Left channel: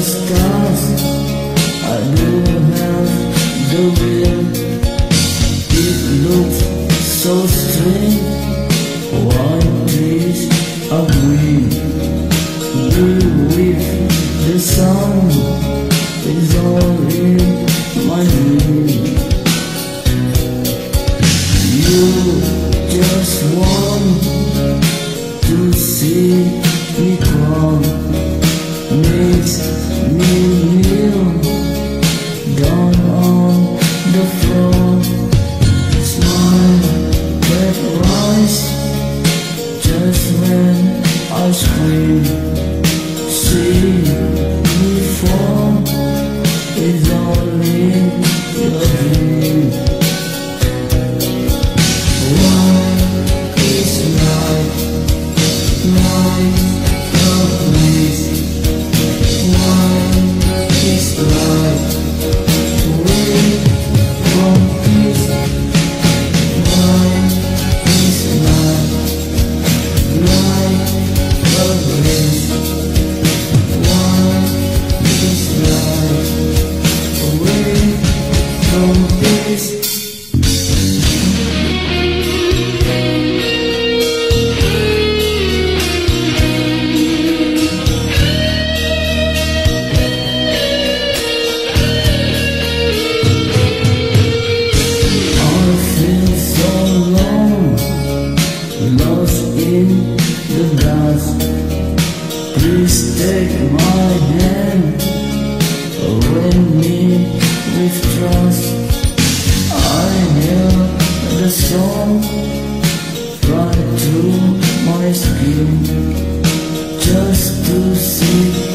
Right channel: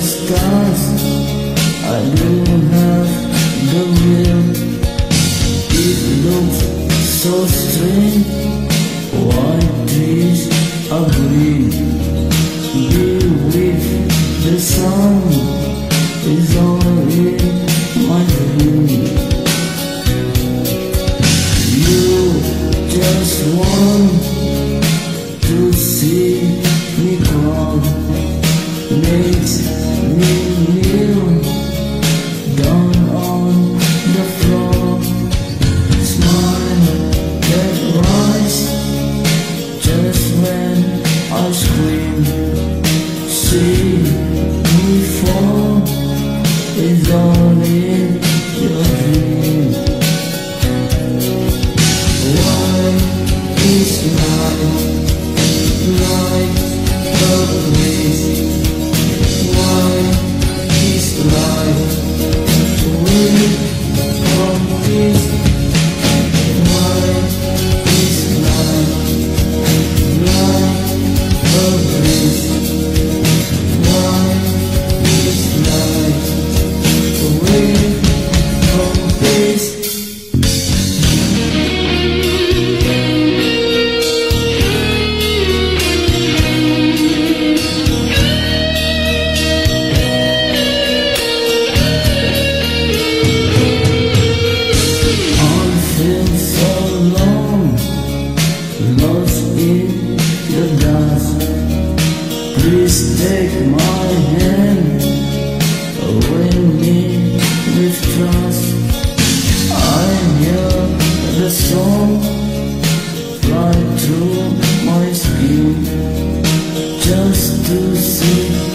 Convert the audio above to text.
scars, I do have the will. It looks so strange, white trees are green. Be with the sun is all in my dream. You just want to see me crawl, makes me kneel down on the floor. Smile that rise just when I scream. See me fall is all in your dream. Why is life like a breeze? Why is life away from peace? Why is life like a breeze? Why is life away from peace? Lost in the dust, please take my hand, win me with trust. I hear the song fly through my skin, just to see